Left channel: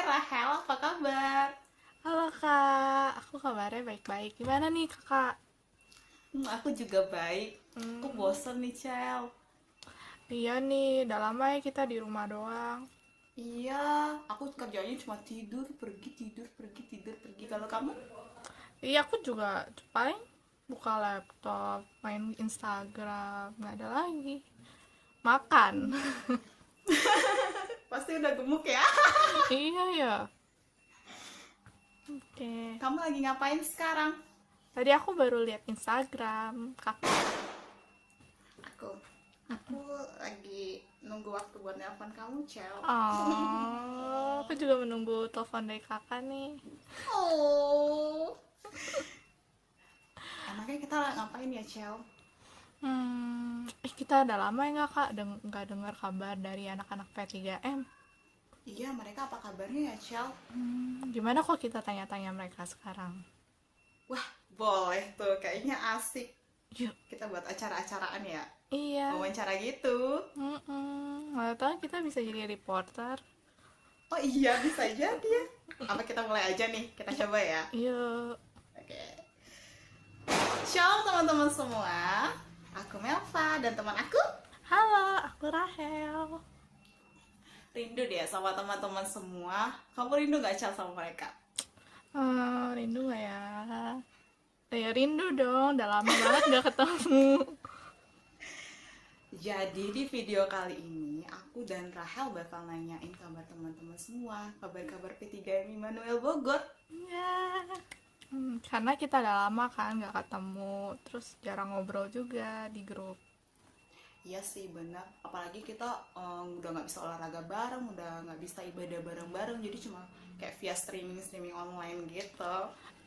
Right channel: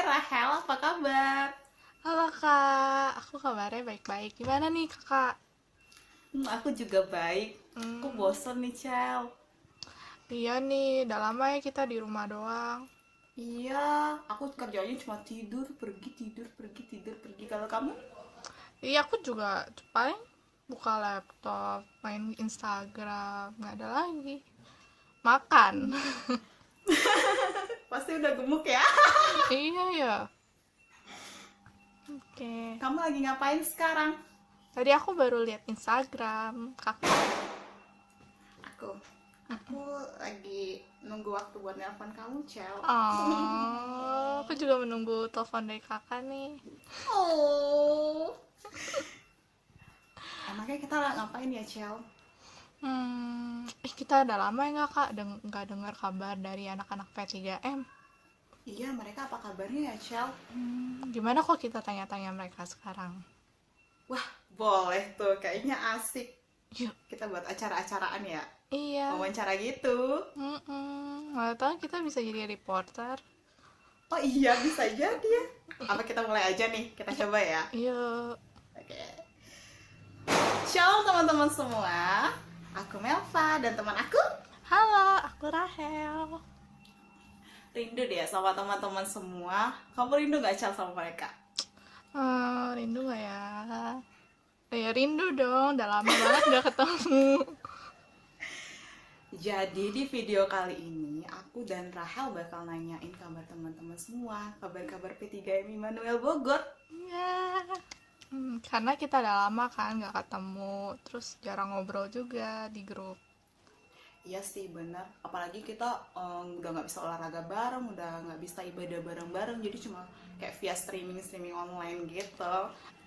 Hai Rahel, apa kabar? Halo kak, aku kabarnya baik-baik. Gimana nih kakak? Aku juga baik. Aku Hmm, bosen nih, Cel. iya nih, udah lama ya kita di rumah doang. Iya, aku kerjanya cuma tidur, pergi, tidur, pergi, tidur, pergi. Kalau kamu? Iya aku juga paling buka laptop, main Instagram, nggak ada lagi. Makan. Pasti udah gemuk ya. Iya ya. Oke. Kamu lagi ngapain sekarang? Tadi aku baru lihat Instagram kakak. Aku, aku lagi nunggu waktu buat nelpon kamu, Cel. Oh, aku juga menunggu telepon dari kakak nih. Oh, enaknya kita ngapain ya, Cel? Kita udah lama ya nggak kak nggak dengar kabar dari anak-anak P3M. Iya, mereka apa kabarnya ya, Cel? Gimana kok kita tanya-tanya mereka sekarang? Wah, boleh tuh. Kayaknya asik. Yuk. Kita buat acara-acaraan ya. Iya. Wawancara gitu. Nggak tahu kita bisa jadi reporter. Oh iya, bisa jadi ya. Apa kita mulai aja nih? Kita coba ya. Yuk. Oke. Shalom teman-teman semua. Aku Melva dan teman aku Halo, aku Rahel. rindu deh sama teman-teman semua. Kamu rindu gak Cel sama mereka? Rindu nggak ya? Ya rindu dong, udah lama banget nggak ketemu. Jadi di video kali ini aku dan Rahel bakal nanyain kabar teman-teman semua, kabar-kabar P3M Immanuel Bogor. Ya. Karena kita udah lama kan nggak ketemu, terus jarang ngobrol juga di grup. Iya sih bener, apalagi kita udah nggak bisa olahraga bareng, udah nggak bisa ibadah bareng-bareng, jadi cuma kayak via streaming online gitu.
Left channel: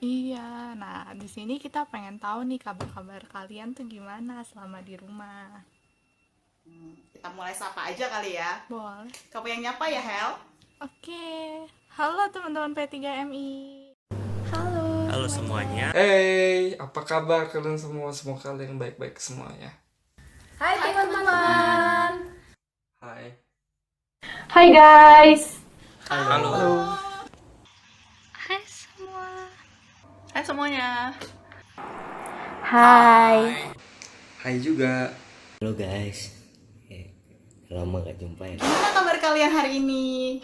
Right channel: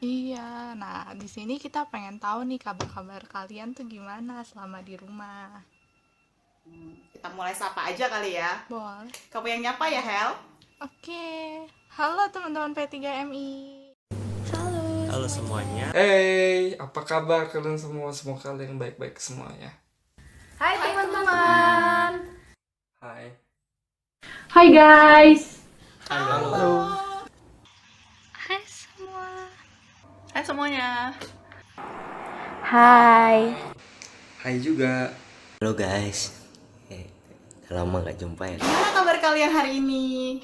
Iya, nah di sini kita pengen tahu nih kabar-kabar kalian tuh gimana selama di rumah. Kita mulai sapa aja kali ya. Boleh. Kamu yang nyapa ya, Hel? Oke. Halo teman-teman P3MI. Halo Halo semuanya. semuanya. Hey, apa kabar kalian semua? Semoga kalian baik-baik semuanya. Hai teman-teman. Hai. Hai guys. Halo. Hai semua. Hai semuanya. Hai. Hai juga. Halo guys. Udah lama gak jumpa ya. Gimana kabar kalian hari ini?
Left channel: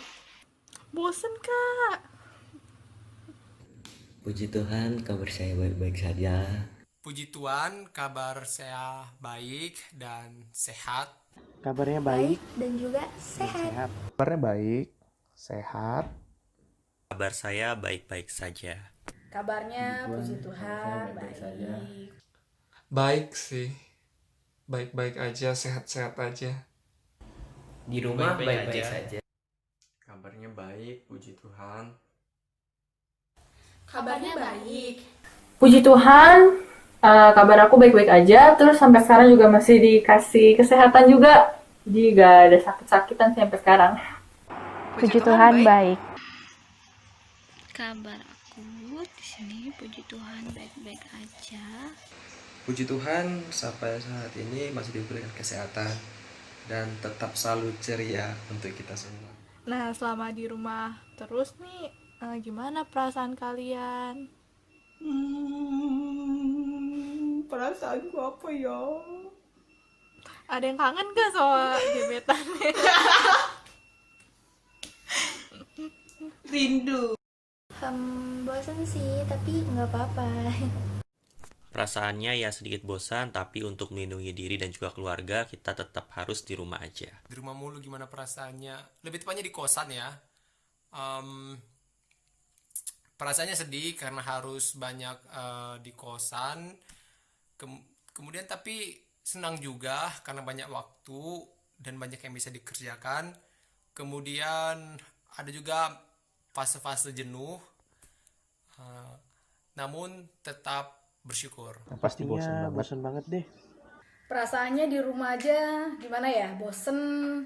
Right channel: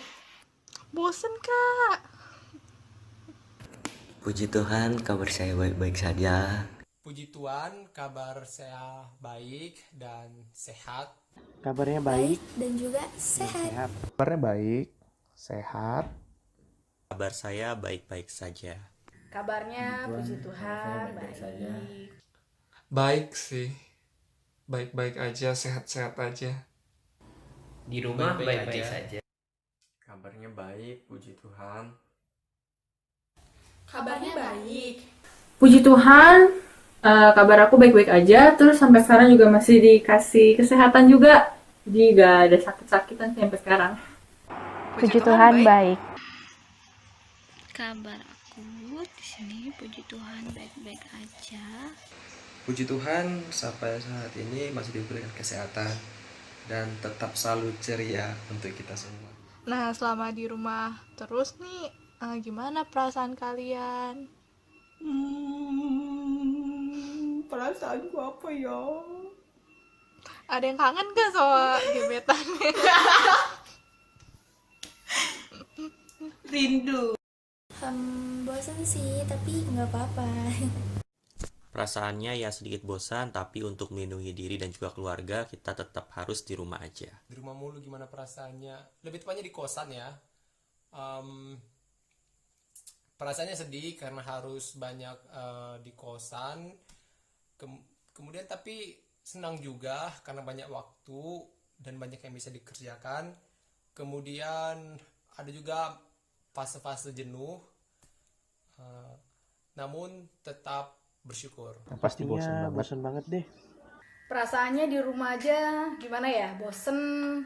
Bosen kak. Puji Tuhan kabar saya baik-baik saja. Puji Tuhan, kabar saya baik dan sehat. Kabarnya baik Dan juga sehat. sehat. Kabarnya baik, sehat. Kabar saya baik-baik saja. Kabarnya puji Tuhan baik. Baik sih. Baik-baik aja, sehat-sehat aja. Di rumah baik-baik saja. Kabarnya baik, puji Tuhan. Kabarnya baik. Puji Tuhan, kabar aku baik-baik aja. Terus sampai sekarang juga masih dikasih kesehatan juga. Jadi gak ada sakit-sakitan sampai sekarang. Puji Tuhan baik. Kabar aku di sini puji Tuhan baik-baik aja. Puji Tuhan sampai saat ini masih diberikan kesehatan dan tetap selalu ceria untuk kita semua. Nah selama di rumah terus nih, gimana perasaan kalian? Perasaanku apa ya? Ada yang kangen gak sama gebetannya? Rindu. Bosan sih, tapi nggak apa-apa. Perasaannya ya sedikit bosan, tapi untuk melindungi diri dan juga keluarga, kita tetap harus di rumah aja. Di rumah mulu gimana perasaannya? Lebih tepatnya di kosan ya. Perasaannya sedih karena harus banyak di kosan. Kemudian tapi senang juga karena banyak waktu dan banyak yang bisa dikerjakan. Kemudian ada juga fase-fase jenuh. Namun tetap bersyukur. Nah, pastinya bosan banget deh. Perasaannya di rumah aja gimana ya? Bosen,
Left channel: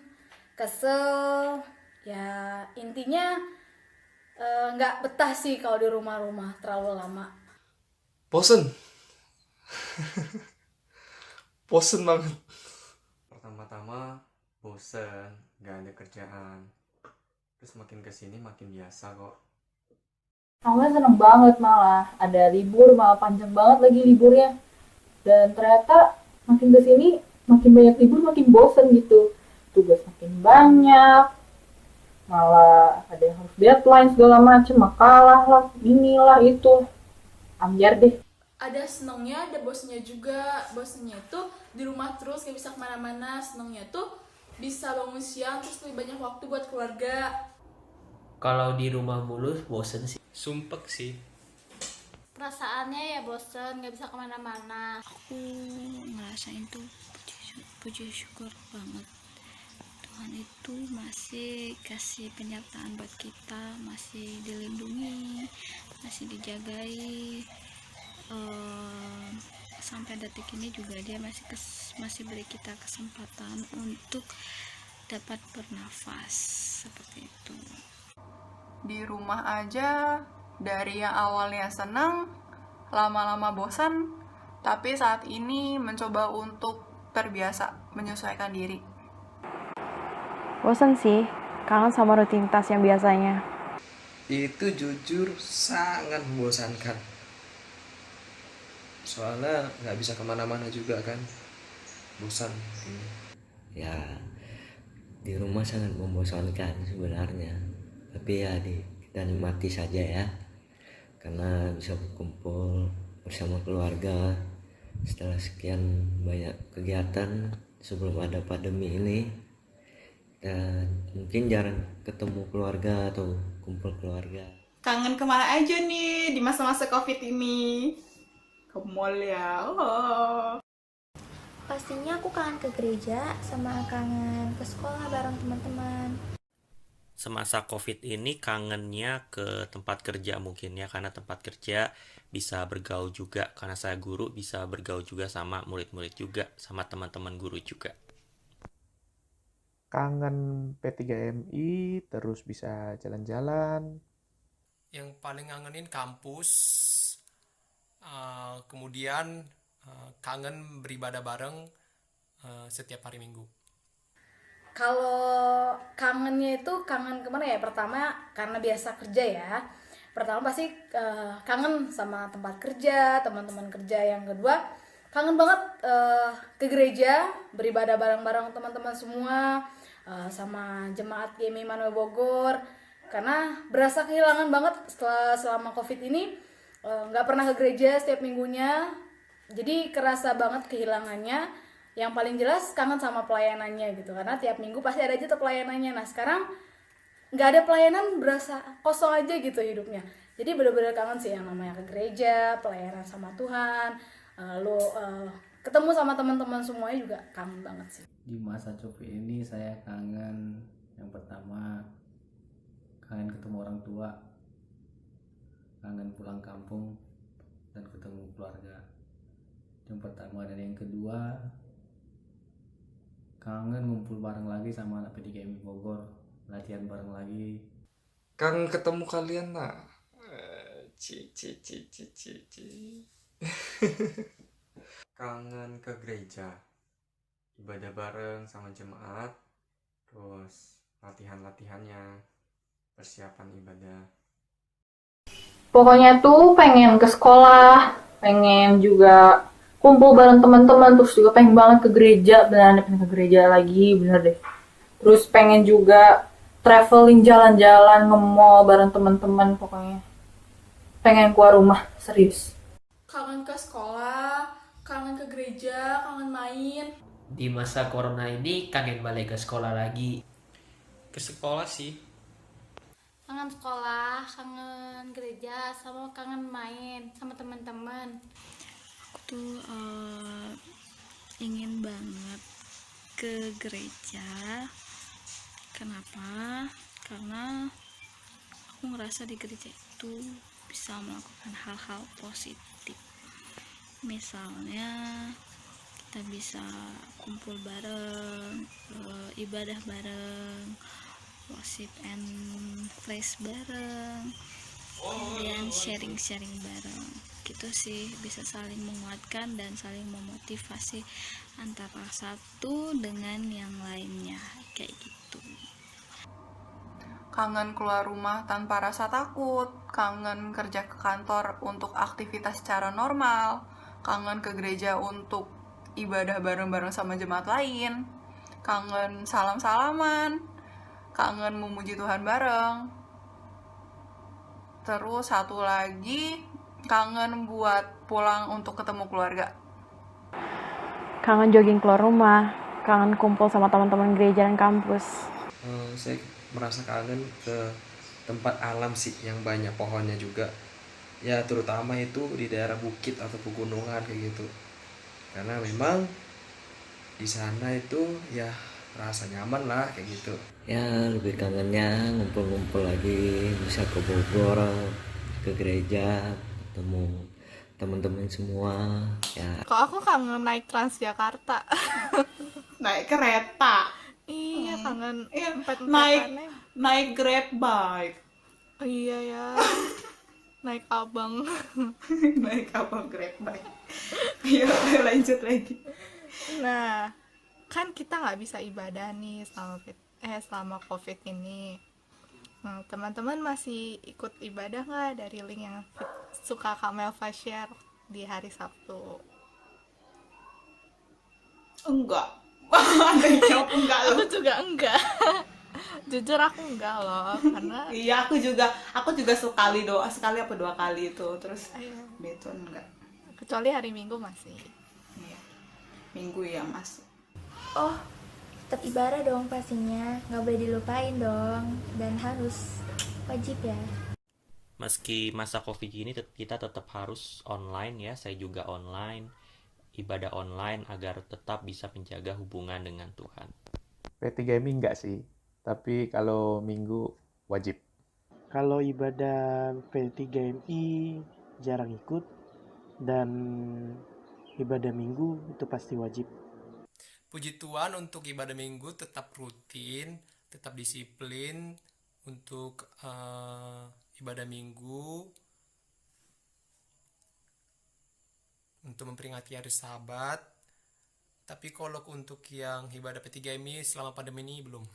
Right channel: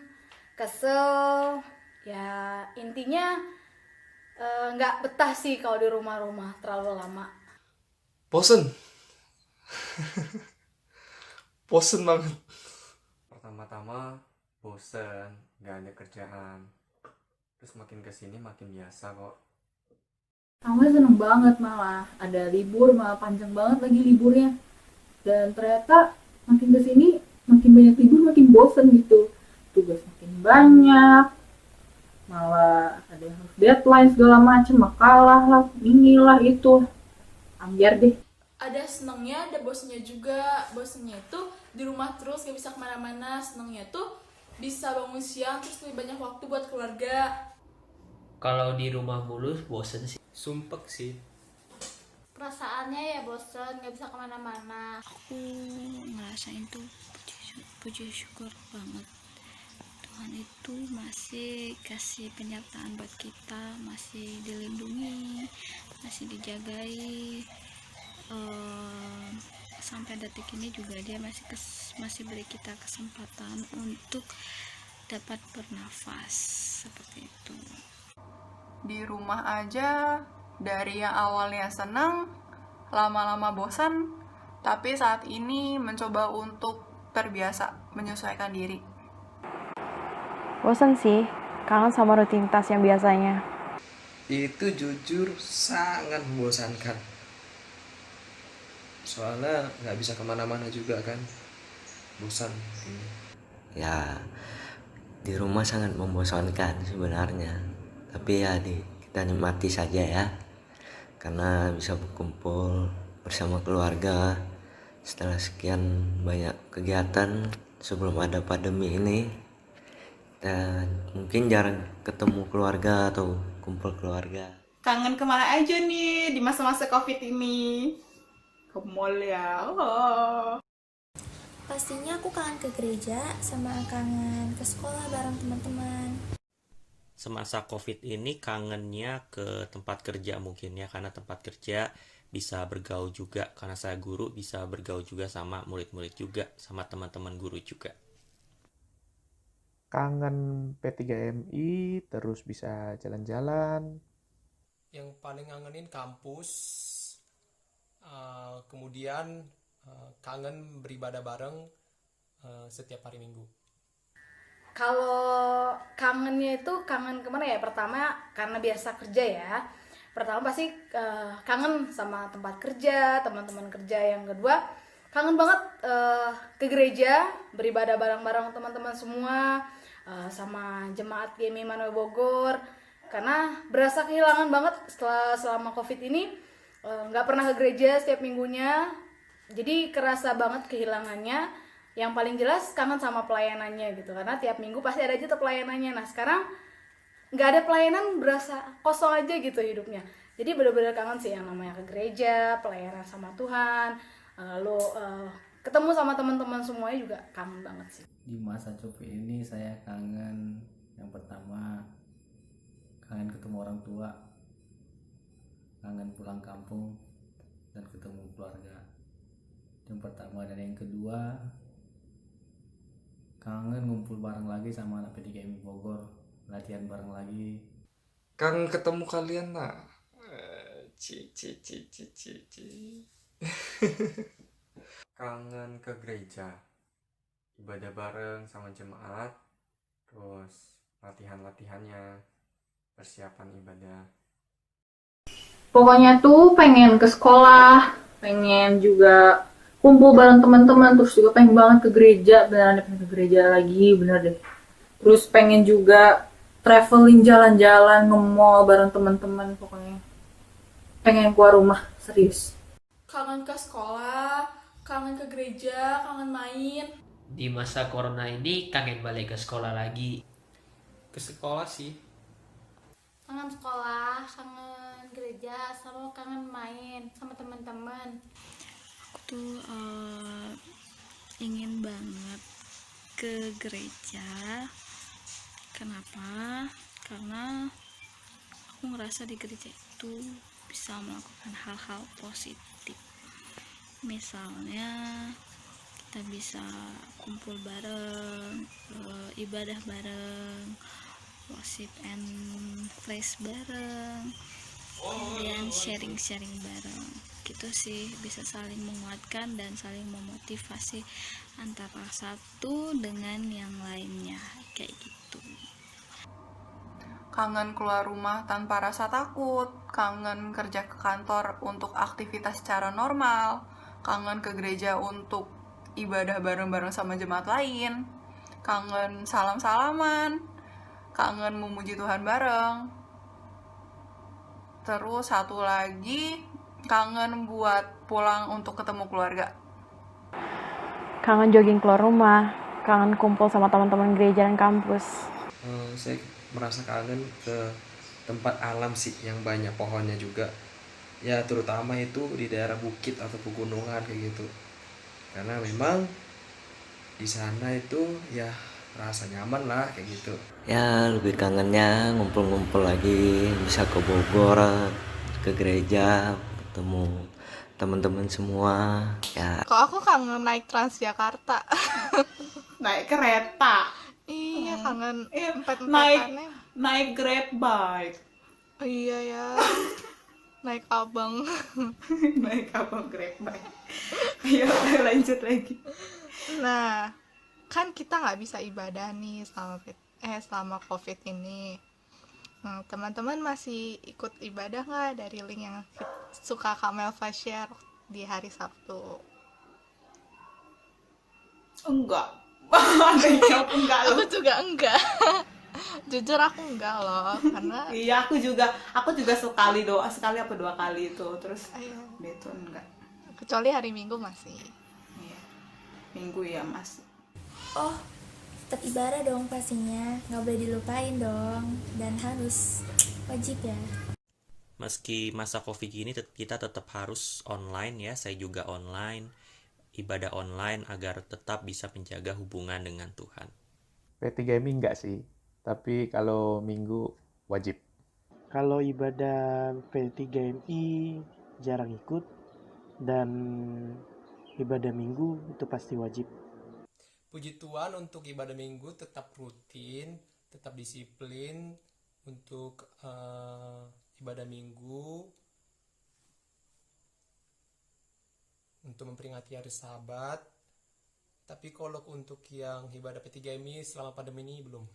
kesel. Ya intinya nggak betah sih kalau di rumah-rumah terlalu lama. Bosen. Bosen banget. Pertama-tama bosen, gak ada kerjaan. Terus makin kesini makin biasa kok. Awalnya seneng banget malah, ada libur malah panjang banget lagi liburnya. Dan ternyata makin kesini makin banyak libur makin bosen gitu. Tugas makin banyak, malah ada yang harus deadline segala macem, makalah lah, inilah itu. Ambiar deh. Ada senengnya, ada bosennya juga. Bosennya itu di rumah terus gak bisa kemana-mana. Senengnya tuh bisa bangun siang terus lebih banyak waktu buat keluarga. Kalau di rumah mulu bosen sih. Sumpek sih. Perasaannya ya bosen, gak bisa kemana-mana. Aku ngerasain tuh puji syukur banget. Tuhan itu masih kasih penyertaan buat kita, masih dilindungi, masih dijagai. Sampai detik ini juga dia masih beri kita kesempatan untuk dapat bernafas seperti itu. Di rumah aja dari yang awalnya senang lama-lama bosan, tapi saat ini mencoba untuk terbiasa menyesuaikan diri. Bosan sih, kangen sama rutinitas yang biasanya. Itu jujur sangat membosankan. Soalnya nggak bisa kemana-mana juga kan, bosan. Ya, di rumah sangat membosankan sebenarnya. Tapi ya kita nikmati saja ya. Karena bisa berkumpul bersama keluarga setelah sekian banyak kegiatan sebelum ada pandemi ini. Dan mungkin jarang ketemu keluarga atau kumpul keluarga. Kangen kemana aja nih di masa-masa COVID ini? Ke mall ya. Oh. Pastinya aku kangen ke gereja sama kangen ke sekolah bareng teman-teman. Semasa COVID ini kangennya ke tempat kerja mungkin ya, karena tempat kerja bisa bergaul juga, karena saya guru bisa bergaul juga sama murid-murid juga, sama teman-teman guru juga. Kangen P3MI, terus bisa jalan-jalan. Yang paling ngangenin kampus, kemudian kangen beribadah bareng setiap hari Minggu. Kalau kangennya itu kangen kemana ya? Pertama karena biasa kerja ya. Pertama pasti kangen sama tempat kerja, teman-teman kerja. Yang kedua kangen banget ke gereja, beribadah bareng-bareng teman-teman semua, sama jemaat GMI Immanuel Bogor. Karena berasa kehilangan banget selama COVID ini, nggak pernah ke gereja setiap minggunya. Jadi kerasa banget kehilangannya. Yang paling jelas kangen sama pelayanannya gitu, karena tiap minggu pasti ada aja tuh pelayanannya. Nah sekarang nggak ada pelayanan, berasa kosong aja gitu hidupnya. Jadi bener-bener kangen sih yang namanya ke gereja, pelayanan sama Tuhan, lalu ketemu sama teman-teman semuanya juga kangen banget sih. Di masa COVID ini saya kangen, yang pertama kangen ketemu orang tua, kangen pulang kampung dan ketemu keluarga. Yang pertama, dan yang kedua kangen ngumpul bareng lagi sama anak PDKMI Bogor, latihan bareng lagi. Kangen ketemu kalian nak. Kangen ke gereja, ibadah bareng sama jemaat, terus latihan-latihannya, persiapan ibadah. Pokoknya tuh pengen ke sekolah, pengen juga kumpul bareng teman-teman, terus juga pengen banget ke gereja, beneran pengen ke gereja lagi, bener deh. Terus pengen juga traveling, jalan-jalan, nge-mall bareng teman-teman, pokoknya pengen keluar rumah, serius. Kangen ke sekolah, kangen ke gereja, kangen main. Di masa corona ini kangen balik ke sekolah lagi. Ke sekolah sih. Kangen sekolah, kangen gereja, sama kangen main sama teman-teman. Aku tuh ingin banget ke gereja. Kenapa? Karena aku ngerasa di gereja itu bisa melakukan hal-hal positif. Misalnya kita bisa kumpul bareng, ibadah bareng, worship and praise bareng, kemudian sharing-sharing bareng. Gitu sih, bisa saling menguatkan dan saling memotivasi antara satu dengan yang lainnya, kayak gitu. kangen keluar rumah tanpa rasa takut, kangen kerja ke kantor untuk aktivitas secara normal, kangen ke gereja untuk ibadah bareng-bareng sama jemaat lain, kangen salam-salaman, kangen memuji Tuhan bareng. Terus satu lagi, kangen buat pulang untuk ketemu keluarga. Kangen jogging keluar rumah, kangen kumpul sama teman-teman gereja dan kampus. Saya merasa kangen ke tempat alam sih yang banyak pohonnya juga. Ya terutama itu di daerah bukit atau pegunungan kayak gitu. Karena memang di sana itu ya rasa nyaman lah kayak gitu. Ya lebih kangennya ngumpul-ngumpul lagi, bisa ke Bogor, ke gereja, ketemu teman-teman semua ya. Kok aku kangen naik Transjakarta. Naik kereta. Iya, kangen naik Grab bike. Oh, iya ya. Naik abang. Naik abang Grab bike. Ayo lanjut lagi. Nah, kan kita nggak bisa ibadah nih selama COVID ini. Nah, teman-teman masih ikut ibadah nggak dari link yang suka Kak Melva share di hari Sabtu? Enggak. Ada yang jawab enggak loh. Aku juga enggak. Jujur aku enggak loh, karena iya aku juga sekali apa 2 kali itu, terus itu enggak. Kecuali hari Minggu masih. Iya. Minggu ya masih. Oh, tetap ibadah dong pastinya, nggak boleh dilupain dong, dan harus wajib ya. Meski masa COVID ini kita tetap harus online ya, saya juga online, ibadah online agar tetap bisa menjaga hubungan dengan Tuhan. P3MI enggak sih, tapi kalau Minggu wajib. Kalau ibadah P3MI jarang ikut, dan ibadah Minggu itu pasti wajib. Puji Tuhan untuk ibadah Minggu tetap rutin, tetap disiplin untuk ibadah Minggu untuk memperingati hari Sabat. Tapi kalau untuk yang ibadah P3MI selama pandemi ini belum.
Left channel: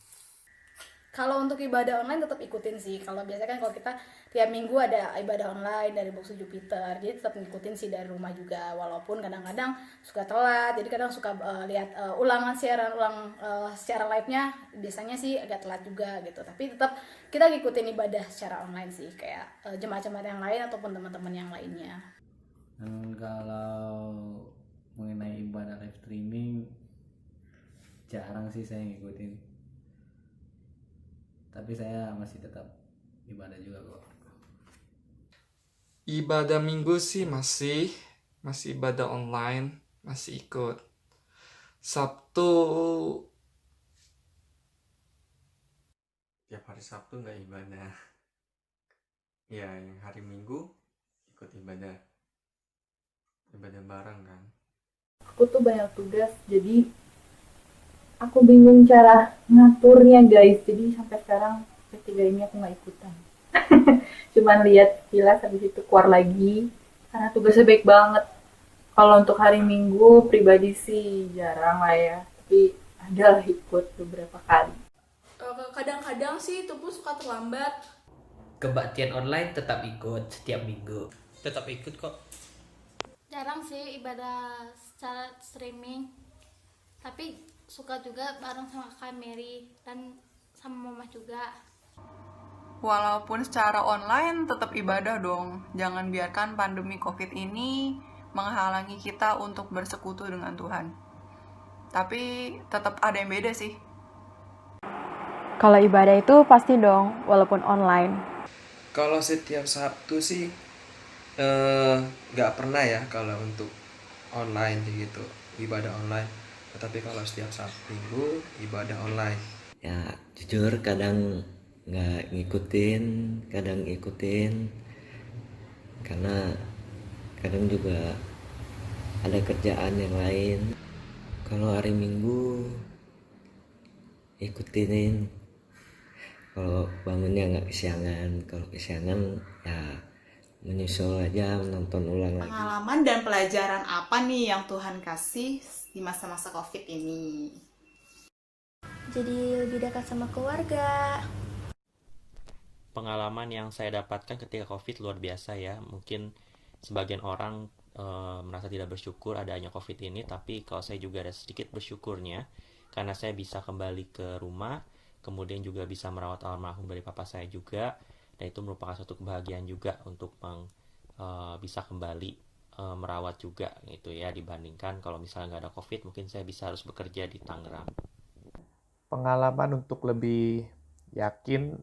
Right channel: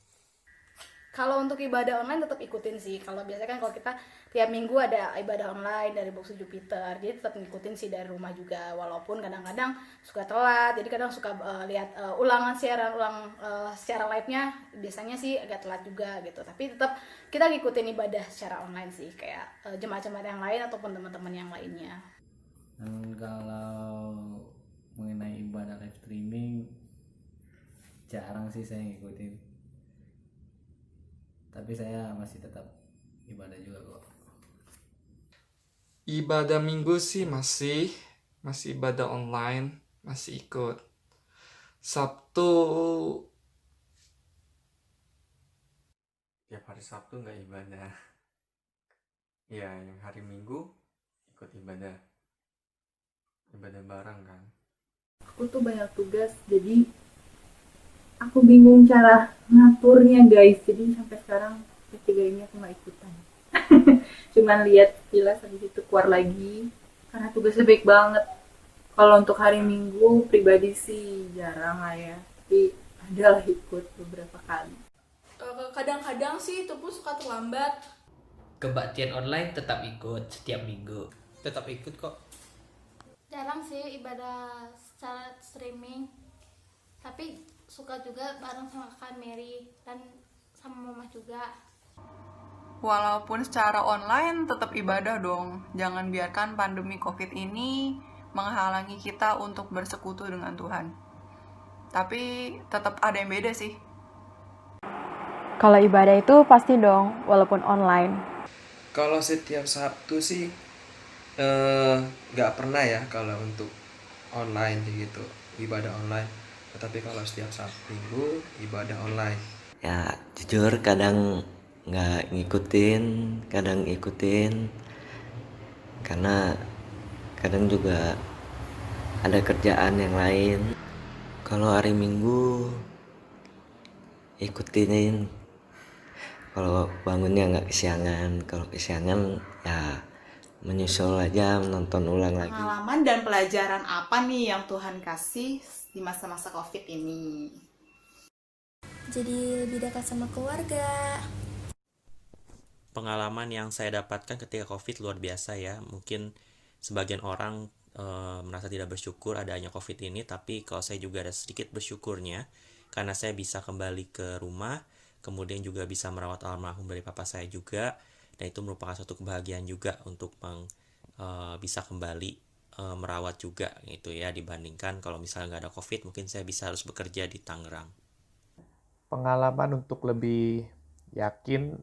Kalau untuk ibadah online tetap ikutin sih. Kalau biasanya kan kalau kita tiap minggu ada ibadah online dari Box Jupiter, jadi tetap ngikutin sih dari rumah juga. Walaupun kadang-kadang suka telat, jadi kadang suka lihat ulangan siaran secara live-nya. Biasanya sih agak telat juga gitu. Tapi tetap kita ngikutin ibadah secara online sih, kayak jemaat-jemaat yang lain ataupun teman-teman yang lainnya. Dan kalau mengenai ibadah live streaming, jarang sih saya ngikutin. Tapi saya masih tetap ibadah juga kok. Ibadah Minggu sih masih ibadah online, masih ikut. Sabtu tiap hari Sabtu nggak ibadah. Ya, yang hari Minggu ikut ibadah bareng kan. Aku tuh banyak tugas, jadi aku bingung cara ngaturnya guys. Jadi sampai sekarang P3MI aku nggak ikutan. Cuman lihat kilas habis itu keluar lagi karena tugasnya baik banget. Kalau untuk hari Minggu pribadi sih jarang lah ya, tapi ada lah ikut beberapa kali. Kadang-kadang sih itu pun suka terlambat. Kebaktian online tetap ikut setiap minggu. Tetap ikut kok. Jarang sih ibadah secara streaming, tapi suka juga bareng sama Kak Mary dan sama Mama juga. Walaupun secara online tetap ibadah dong. Jangan biarkan pandemi COVID ini menghalangi kita untuk bersekutu dengan Tuhan. Tapi tetap ada yang beda sih. Kalau ibadah itu pasti dong, walaupun online. Kalau setiap Sabtu sih nggak pernah ya kalau untuk online gitu, ibadah online. Tetapi kalau setiap Sabtu Minggu ibadah online. Ya jujur kadang nggak ngikutin, kadang ikutin, karena kadang juga ada kerjaan yang lain. Kalau hari Minggu ikutin, kalau bangunnya nggak kesiangan, kalau kesiangan ya menyusul aja, nonton ulang lagi. Pengalaman dan pelajaran apa nih yang Tuhan kasih di masa-masa COVID ini? Jadi lebih dekat sama keluarga. pengalaman yang saya dapatkan ketika COVID luar biasa ya. Mungkin sebagian orang merasa tidak bersyukur adanya COVID ini, tapi kalau saya juga ada sedikit bersyukurnya karena saya bisa kembali ke rumah, kemudian juga bisa merawat almarhum dari papa saya juga, dan itu merupakan suatu kebahagiaan juga untuk bisa kembali merawat juga gitu ya, dibandingkan kalau misalnya nggak ada COVID mungkin saya bisa harus bekerja di Tangerang. Pengalaman untuk lebih yakin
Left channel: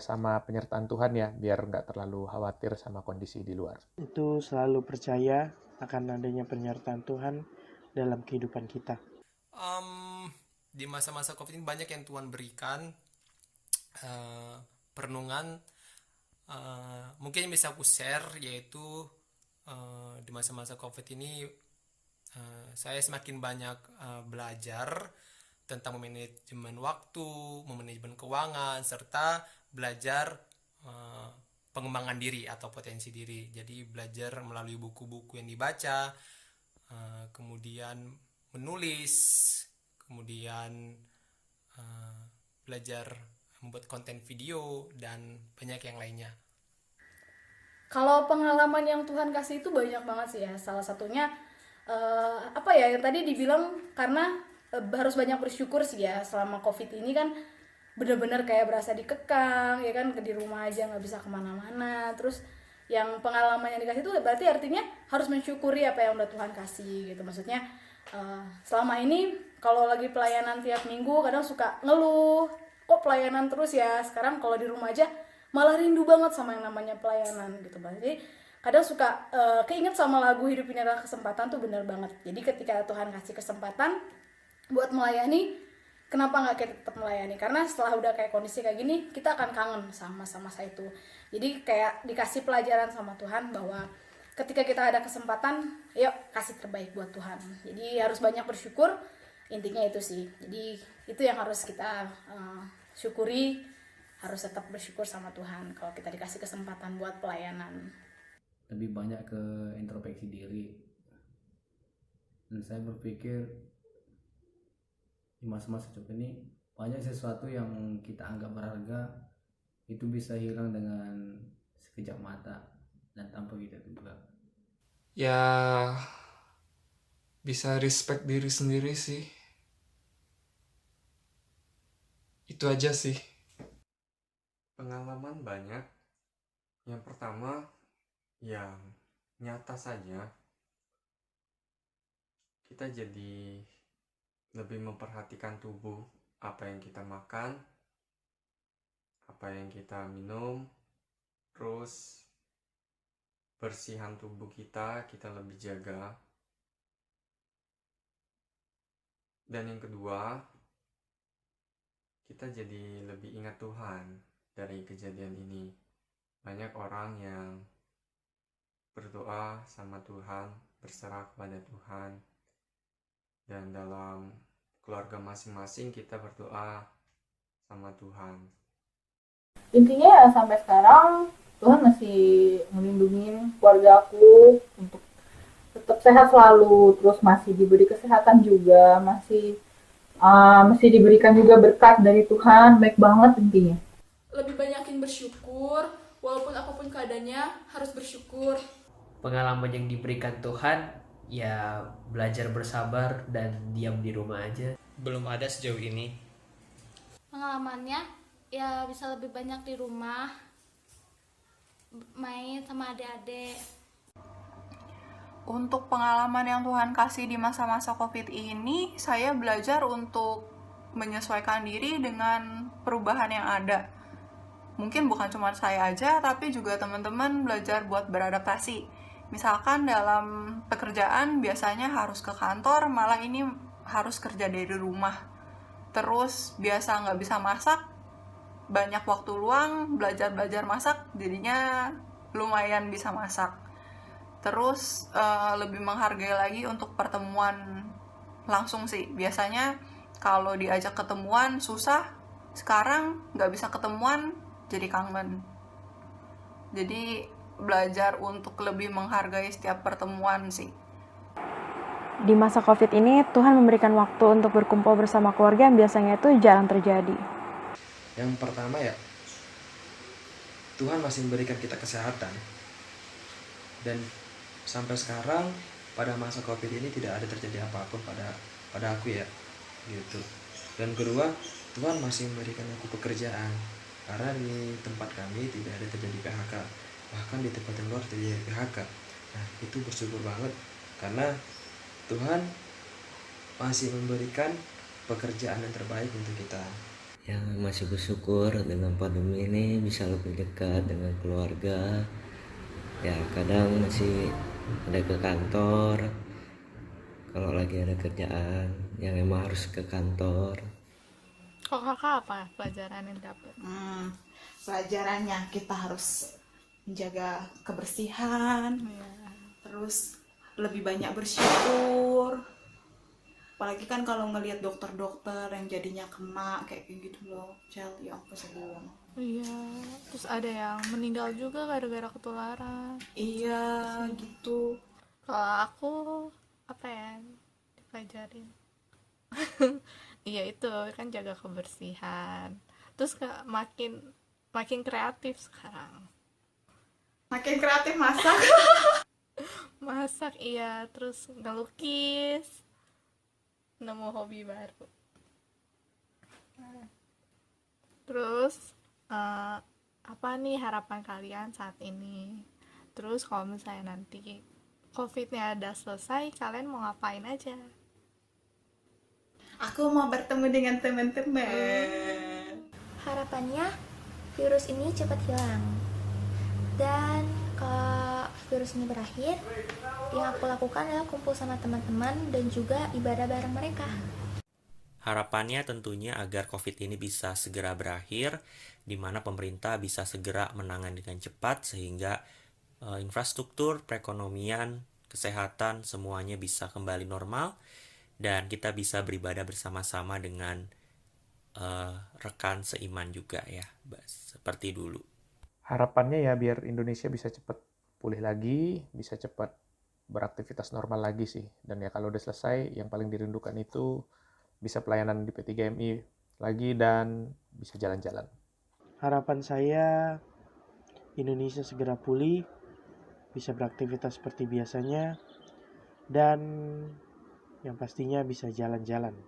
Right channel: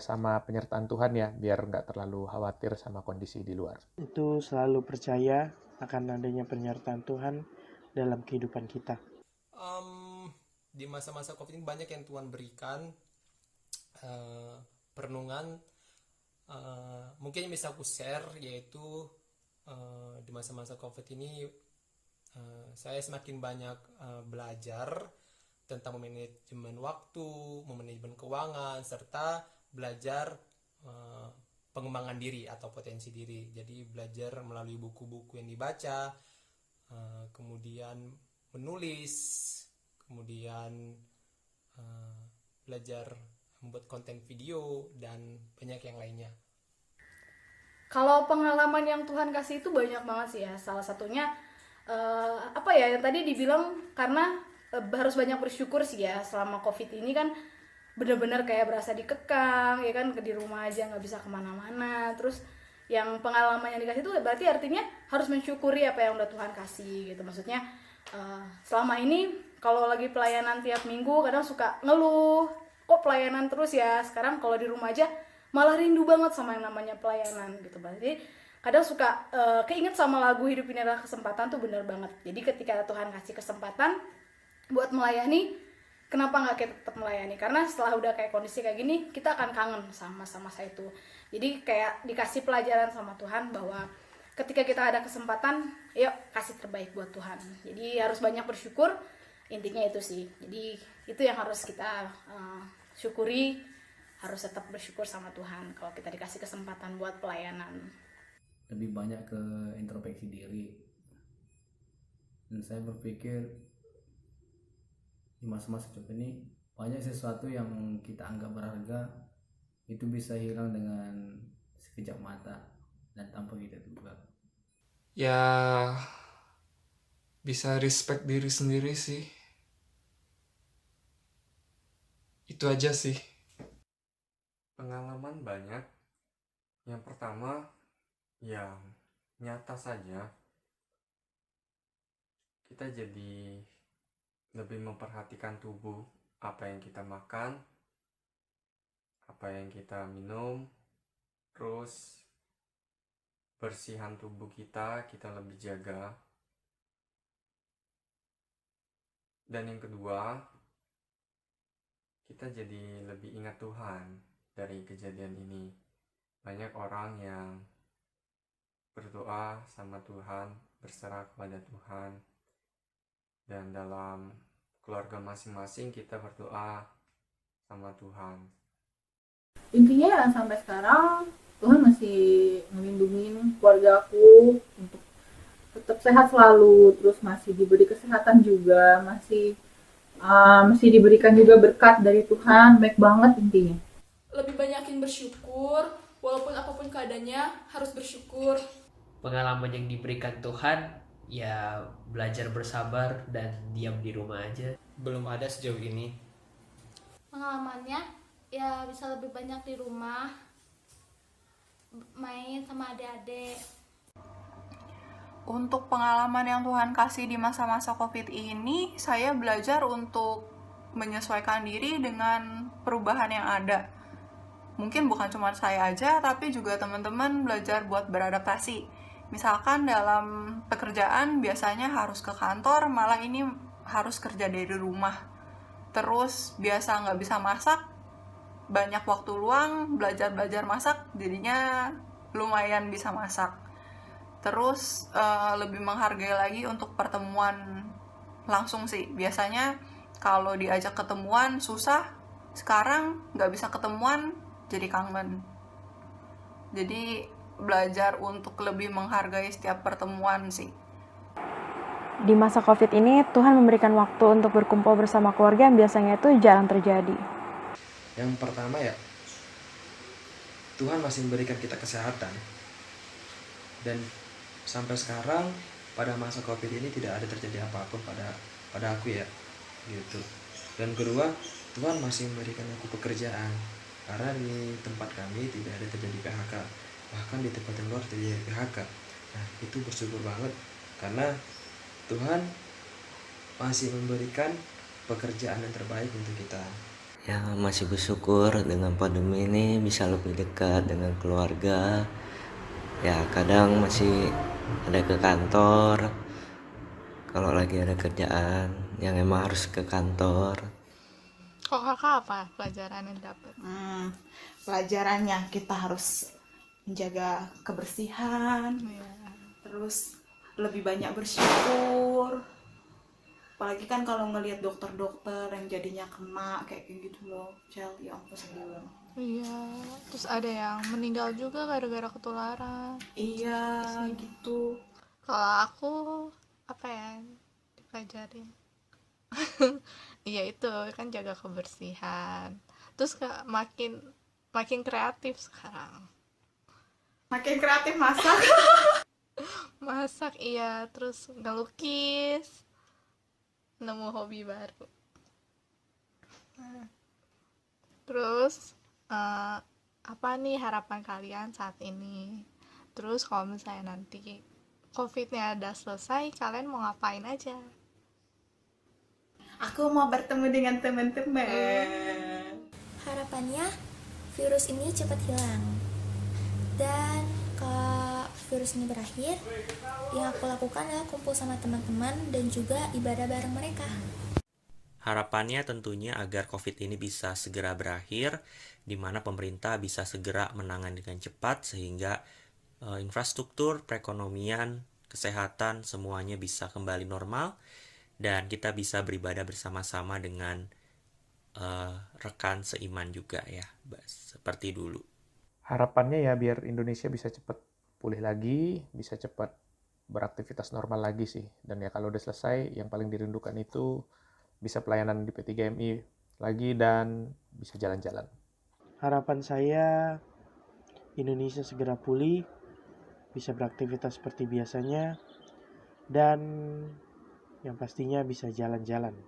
sama penyertaan Tuhan ya, biar nggak terlalu khawatir sama kondisi di luar. Itu selalu percaya akan adanya penyertaan Tuhan dalam kehidupan kita. Di masa-masa COVID ini banyak yang Tuhan berikan perenungan. Mungkin yang bisa aku share yaitu di masa-masa COVID ini saya semakin banyak belajar tentang manajemen waktu, manajemen keuangan, serta belajar pengembangan diri atau potensi diri. Jadi belajar melalui buku-buku yang dibaca, kemudian menulis, kemudian belajar membuat konten video, dan banyak yang lainnya. Kalau pengalaman yang Tuhan kasih itu banyak banget sih ya. Salah satunya yang tadi dibilang karena harus banyak bersyukur sih ya. Selama COVID ini kan benar-benar kayak berasa dikekang ya kan, di rumah aja nggak bisa kemana-mana. Terus yang pengalaman yang dikasih itu berarti artinya harus mensyukuri apa yang udah Tuhan kasih gitu. Maksudnya selama ini kalau lagi pelayanan tiap minggu kadang suka ngeluh, kok pelayanan terus ya. Sekarang kalau di rumah aja malah rindu banget sama yang namanya pelayanan gitu. Berarti kadang suka keinget sama lagu Hidup Ini Adalah Kesempatan tuh bener banget. Jadi ketika Tuhan kasih kesempatan buat melayani, kenapa nggak kita tetap melayani? Karena setelah udah kayak kondisi kayak gini, kita akan kangen sama masa itu. Jadi kayak dikasih pelajaran sama Tuhan bahwa ketika kita ada kesempatan, yuk kasih terbaik buat Tuhan. Jadi harus banyak bersyukur, intinya itu sih. Jadi itu yang harus kita syukuri, harus tetap bersyukur sama Tuhan kalau kita dikasih kesempatan buat pelayanan. Lebih banyak ke introspeksi diri. Dan saya berpikir di masa-masa COVID ini banyak sesuatu yang kita anggap berharga itu bisa hilang dengan sekejap mata dan tanpa kita duga. Ya bisa respect diri sendiri sih. Itu aja sih. Pengalaman banyak. Yang pertama, yang nyata saja, kita jadi lebih memperhatikan tubuh, apa yang kita makan, apa yang kita minum, terus bersihan tubuh kita lebih jaga. Dan yang kedua, kita jadi lebih ingat Tuhan dari kejadian ini. Banyak orang yang berdoa sama Tuhan, berserah kepada Tuhan. Dan dalam keluarga masing-masing kita berdoa sama Tuhan. Intinya ya sampai sekarang Tuhan masih melindungi keluarga aku untuk tetap sehat selalu, terus masih diberi kesehatan juga, masih diberikan juga berkat dari Tuhan, baik banget intinya. Lebih banyakin bersyukur, walaupun apapun keadaannya harus bersyukur. Pengalaman yang diberikan Tuhan ya belajar bersabar dan diam di rumah aja. Belum ada sejauh ini. Pengalamannya ya bisa lebih banyak di rumah, main sama adik-adik. Untuk pengalaman yang Tuhan kasih di masa-masa COVID ini, saya belajar untuk menyesuaikan diri dengan perubahan yang ada. Mungkin bukan cuma saya aja, tapi juga teman-teman belajar buat beradaptasi. Misalkan dalam pekerjaan biasanya harus ke kantor, malah ini harus kerja dari rumah. Terus biasa nggak bisa masak, banyak waktu luang, belajar masak, jadinya lumayan bisa masak. Terus lebih menghargai lagi untuk pertemuan langsung sih. Biasanya kalau diajak ketemuan susah, sekarang nggak bisa ketemuan, jadi kangen. Jadi belajar untuk lebih menghargai setiap pertemuan sih. Di masa COVID ini, Tuhan memberikan waktu untuk berkumpul bersama keluarga yang biasanya itu jarang terjadi. Yang pertama ya, Tuhan masih memberikan kita kesehatan. Dan sampai sekarang pada masa Covid ini tidak ada terjadi apapun pada aku ya, gitu. Dan kedua, Tuhan masih memberikan aku pekerjaan, karena di tempat kami tidak ada terjadi PHK, bahkan di tempat yang luar terjadi PHK. Nah, itu bersyukur banget karena Tuhan masih memberikan pekerjaan yang terbaik untuk kita. Ya, masih bersyukur dengan pandemi ini bisa lebih dekat dengan keluarga. Ya, kadang masih ada ke kantor kalau lagi ada kerjaan yang emang harus ke kantor. Kok kakak apa pelajaran yang dapet? Pelajarannya kita harus menjaga kebersihan, terus lebih banyak bersyukur. Apalagi kan kalau ngelihat dokter-dokter yang jadinya kena kayak gitu loh, Cel, ya ampun sedih banget. Iya, terus ada yang meninggal juga gara-gara ketularan. Iya, gitu. Kalau aku apa ya dipelajarin? Iya itu kan jaga kebersihan. Terus makin kreatif sekarang. Makin kreatif masak. Masak iya, terus ngelukis. Nemu hobi baru. Terus apa nih harapan kalian saat ini? Terus kalau misalnya nanti COVID-nya udah selesai, kalian mau ngapain aja? Aku mau bertemu dengan teman-teman. Harapannya virus ini cepat hilang. Dan kalau virus ini berakhir, yang aku lakukan adalah kumpul sama teman-teman dan juga ibadah bareng mereka. Harapannya tentunya agar COVID ini bisa segera berakhir, di mana pemerintah bisa segera menangani dengan cepat sehingga infrastruktur, perekonomian, kesehatan semuanya bisa kembali normal dan kita bisa beribadah bersama-sama dengan rekan seiman juga ya, seperti dulu. Harapannya ya biar Indonesia bisa cepat pulih lagi, bisa cepat beraktivitas normal lagi sih. Dan ya kalau udah selesai, yang paling dirindukan itu bisa pelayanan di P3MI lagi dan bisa jalan-jalan. Harapan saya Indonesia segera pulih, bisa beraktivitas seperti biasanya, dan yang pastinya bisa jalan-jalan.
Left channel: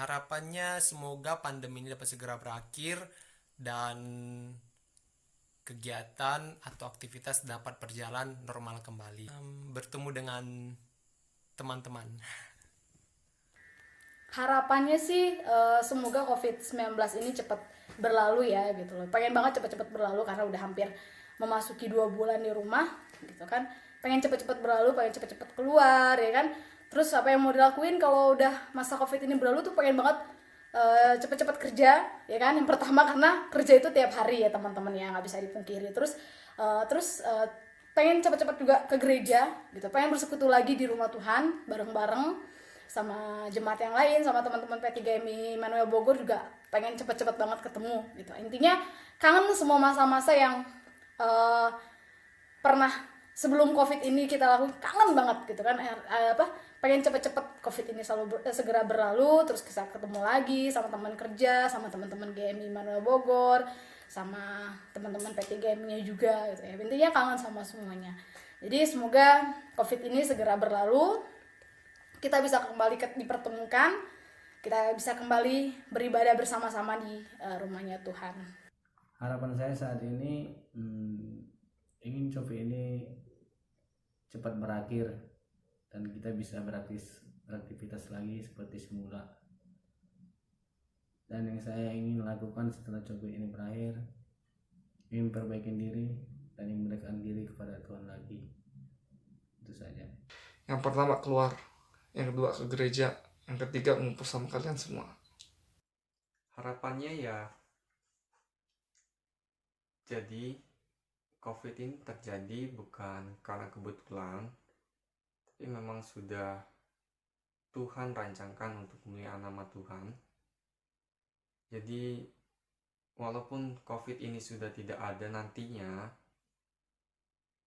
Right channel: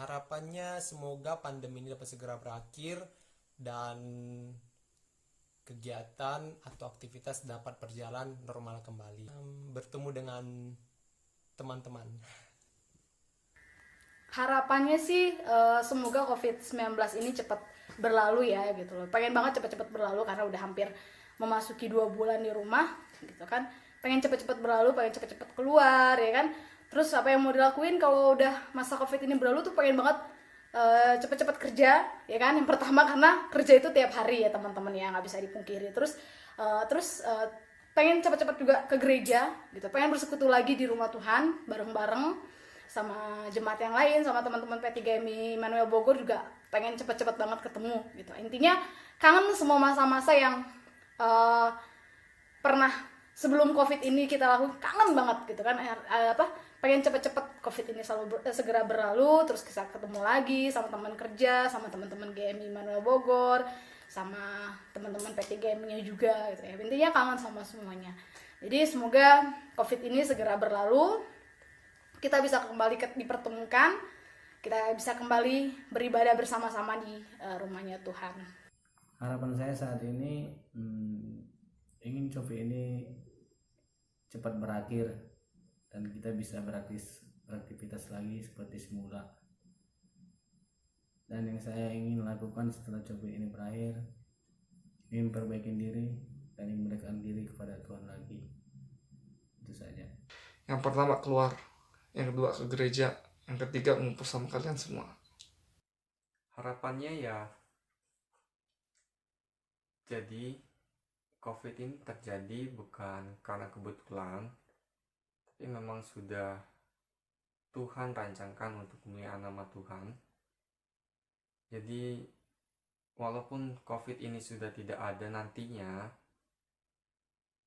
Harapannya semoga pandemi ini dapat segera berakhir dan kegiatan atau aktivitas dapat berjalan normal kembali. Bertemu dengan teman-teman. Harapannya sih semoga COVID-19 ini cepat berlalu ya gitu loh. Pengen banget cepat-cepat berlalu karena udah hampir memasuki 2 bulan di rumah gitu kan. Pengen cepat-cepat berlalu, pengen cepat-cepat keluar ya kan. Terus apa yang mau dilakuin kalau udah masa COVID ini berlalu tuh pengen banget cepet-cepet kerja ya kan. Yang pertama karena kerja itu tiap hari ya teman-teman ya, nggak bisa dipungkiri. Terus pengen cepet-cepet juga ke gereja gitu, pengen bersekutu lagi di rumah Tuhan bareng-bareng sama jemaat yang lain, sama teman-teman P3MI Immanuel Bogor juga pengen cepet-cepet banget ketemu gitu. Intinya kangen semua masa-masa yang pernah sebelum COVID ini kita lakukan, kangen banget gitu kan. Pengen cepet-cepet COVID ini segera berlalu, terus kita ketemu lagi sama teman kerja, sama teman-teman GMI Immanuel Bogor, sama teman-teman P3MI-nya juga gitu ya. Intinya kangen sama semuanya. Jadi semoga COVID ini segera berlalu, kita bisa kembali dipertemukan, kita bisa kembali beribadah bersama-sama di rumahnya Tuhan. Harapan saya saat ini ingin COVID ini cepat berakhir dan kita bisa beraktivitas lagi seperti semula. Dan yang saya ingin lakukan setelah COVID ini berakhir, ingin perbaiki diri dan ingin mendekatkan diri kepada Tuhan lagi. Itu saja. Yang pertama keluar, yang kedua ke gereja, yang ketiga ngumpul sama kalian semua. Harapannya ya, jadi COVID ini terjadi bukan karena kebetulan, tapi memang sudah Tuhan rancangkan untuk kemuliaan nama Tuhan. Jadi walaupun COVID ini sudah tidak ada nantinya,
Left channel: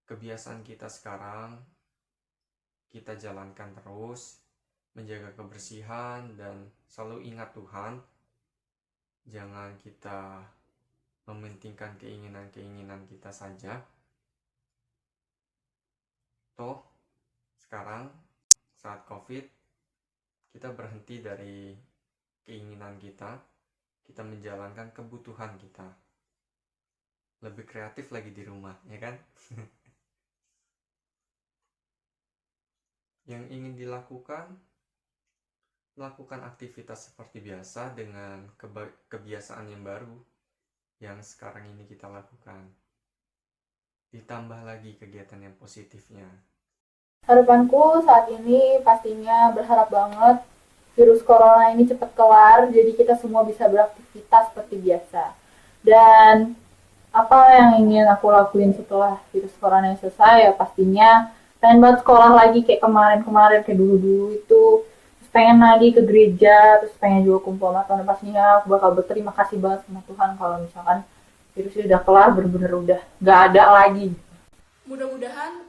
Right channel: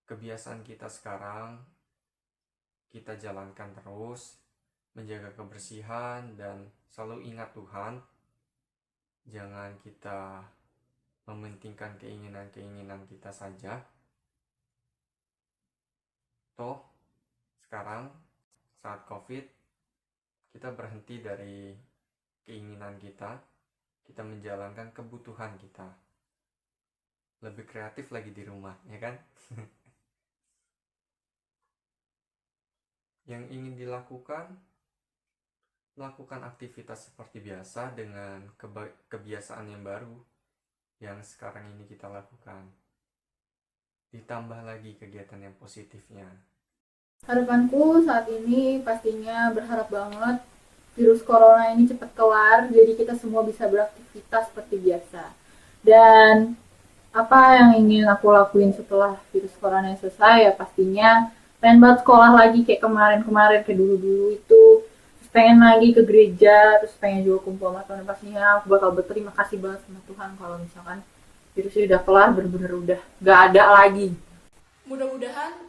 kebiasaan kita sekarang kita jalankan terus, menjaga kebersihan dan selalu ingat Tuhan. Jangan kita mementingkan keinginan-keinginan kita saja, toh sekarang saat COVID kita berhenti dari keinginan kita menjalankan kebutuhan kita. Lebih kreatif lagi di rumah, ya kan? Yang ingin dilakukan, lakukan aktivitas seperti biasa dengan kebiasaan yang baru yang sekarang ini kita lakukan. Ditambah lagi kegiatan yang positifnya. Harapanku saat ini pastinya berharap banget virus corona ini cepat kelar, jadi kita semua bisa beraktivitas seperti biasa. Dan apa yang ingin aku lakuin setelah virus corona yang selesai, ya pastinya pengen banget sekolah lagi kayak kemarin-kemarin, kayak dulu-dulu itu. Terus pengen lagi ke gereja, terus pengen juga kumpul sama Tuhan. Pastinya aku bakal berterima kasih banget sama Tuhan kalau misalkan virusnya udah kelar, bener-bener udah gak ada lagi. Mudah-mudahan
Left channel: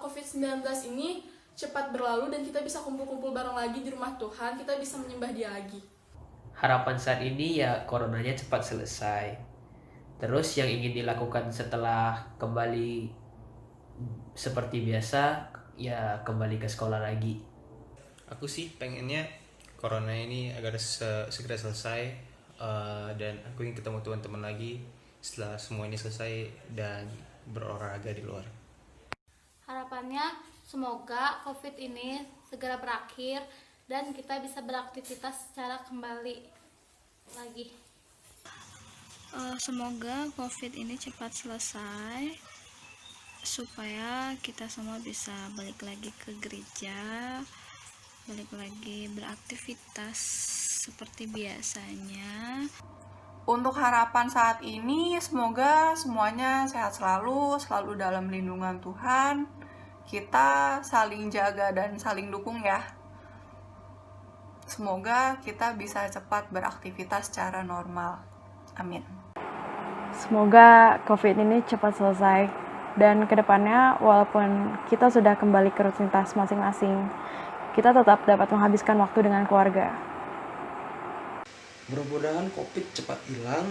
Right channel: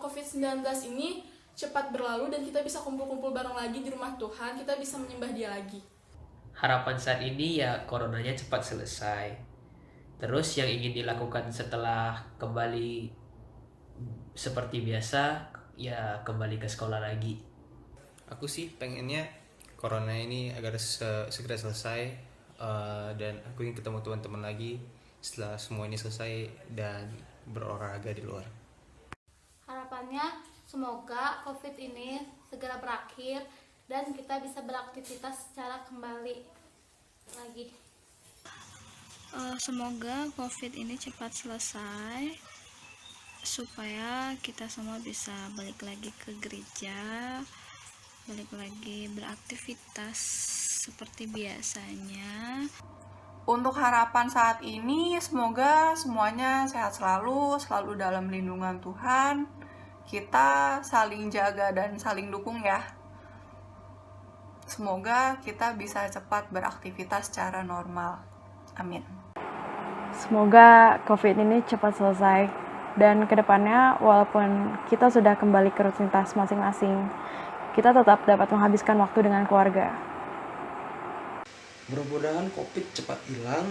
COVID-19 ini cepat berlalu dan kita bisa kumpul-kumpul bareng lagi di rumah Tuhan, kita bisa menyembah Dia lagi. Harapan saat ini ya coronanya cepat selesai. Terus yang ingin dilakukan setelah kembali seperti biasa, ya kembali ke sekolah lagi. Aku sih pengennya corona ini agar segera selesai, dan aku ingin ketemu teman-teman lagi setelah semua ini selesai dan berolahraga di luar. Harapannya semoga COVID ini segera berakhir dan kita bisa beraktivitas secara kembali lagi. Semoga COVID ini cepat selesai supaya kita semua bisa balik lagi ke gereja, balik lagi beraktivitas seperti biasanya. Untuk harapan saat ini, semoga semuanya sehat selalu dalam lindungan Tuhan. Kita saling jaga dan saling dukung ya. Semoga kita bisa cepat beraktivitas secara normal. Amin. Semoga COVID ini cepat selesai. Dan kedepannya, walaupun kita sudah kembali ke rutinitas masing-masing, kita tetap dapat menghabiskan waktu dengan keluarga. Mudah-mudahan COVID cepat hilang,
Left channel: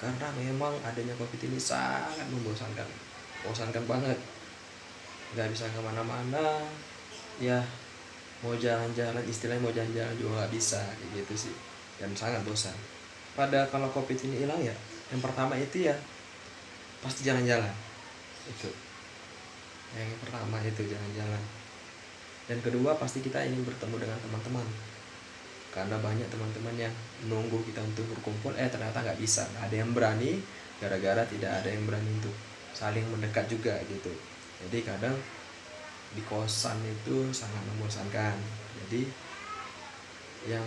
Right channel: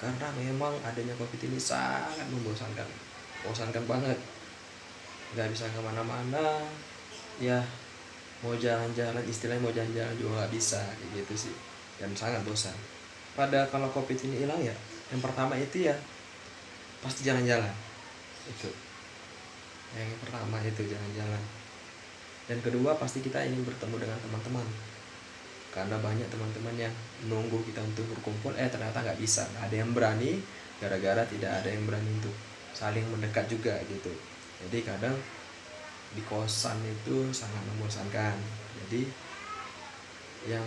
karena memang adanya COVID ini sangat membosankan banget. Gak bisa kemana-mana, ya mau jalan-jalan, istilahnya mau jalan-jalan juga gak bisa, kayak gitu sih, dan sangat bosan. Pada kalau COVID ini hilang ya, yang pertama itu ya pasti jalan-jalan, itu yang pertama itu jalan-jalan. Dan kedua pasti kita ingin bertemu dengan teman-teman, karena banyak teman-teman yang menunggu kita untuk berkumpul, ternyata nggak bisa, nggak ada yang berani, gara-gara tidak ada yang berani untuk saling mendekat juga gitu. Jadi kadang di kosan itu sangat membosankan. Jadi yang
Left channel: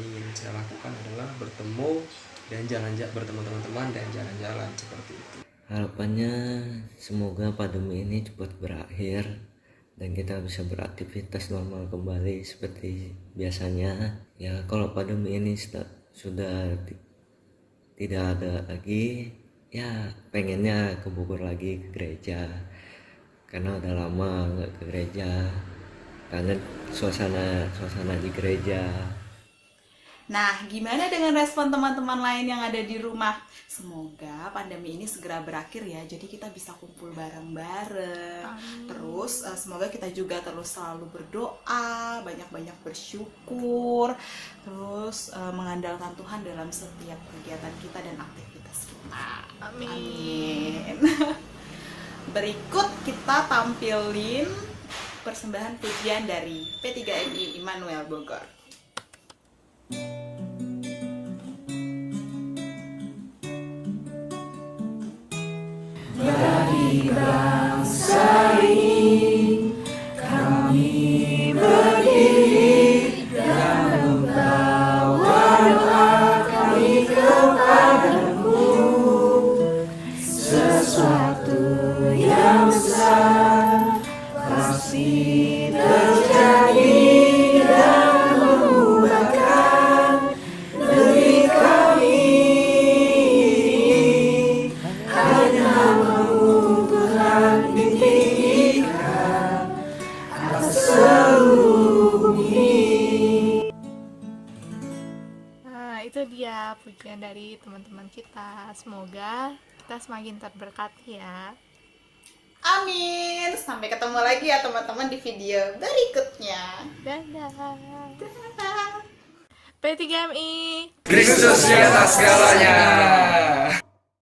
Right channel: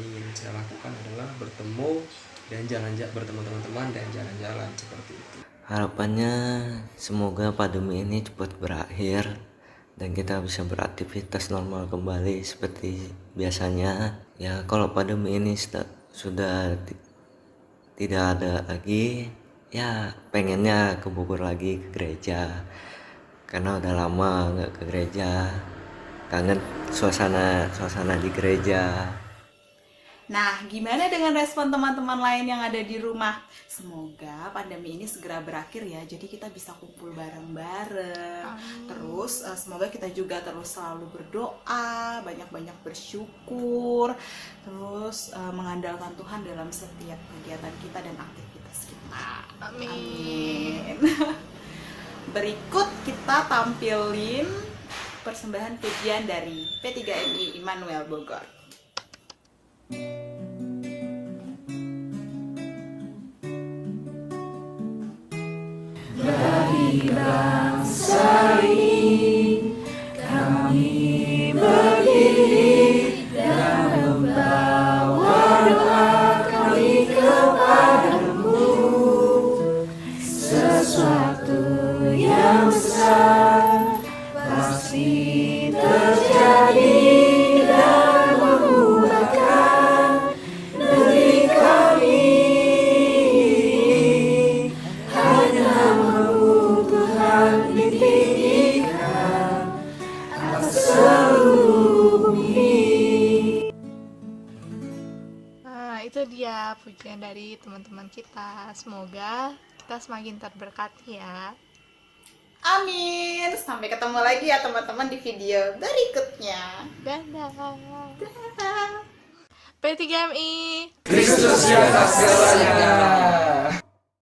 ingin saya lakukan adalah bertemu dan bertemu teman-teman dan jalan-jalan seperti itu. Harapannya semoga pandemi ini cepat berakhir dan kita bisa beraktivitas normal kembali seperti biasanya. Ya kalau pandemi ini sudah tidak ada lagi, ya pengennya ke Bogor lagi, ke gereja, karena udah lama nggak ke gereja, kangen suasana di gereja. Nah, gimana dengan respon teman-teman lain yang ada di rumah? Semoga pandemi ini segera berakhir ya, jadi kita bisa kumpul bareng-bareng. Terus semoga kita juga terus selalu berdoa, banyak-banyak bersyukur, terus mengandalkan Tuhan dalam setiap kegiatan kita dan aktivitas kita. Amin. Berikut kita tampilin persembahan pujian dari P3MI Immanuel Bogor. Bagi bangsa ini kami berdiri dan membawa doa kami kepadamu. Sesuatu yang besar pasti terjadi dan mengubahkan negeri kami. Hanya Tuhan pujian dari teman-teman kita. Semoga kita semakin terberkati ya. Amin. Sampai ketemu lagi ya teman-teman di video berikutnya. Dadah. P3MI Kristus di atas segalanya.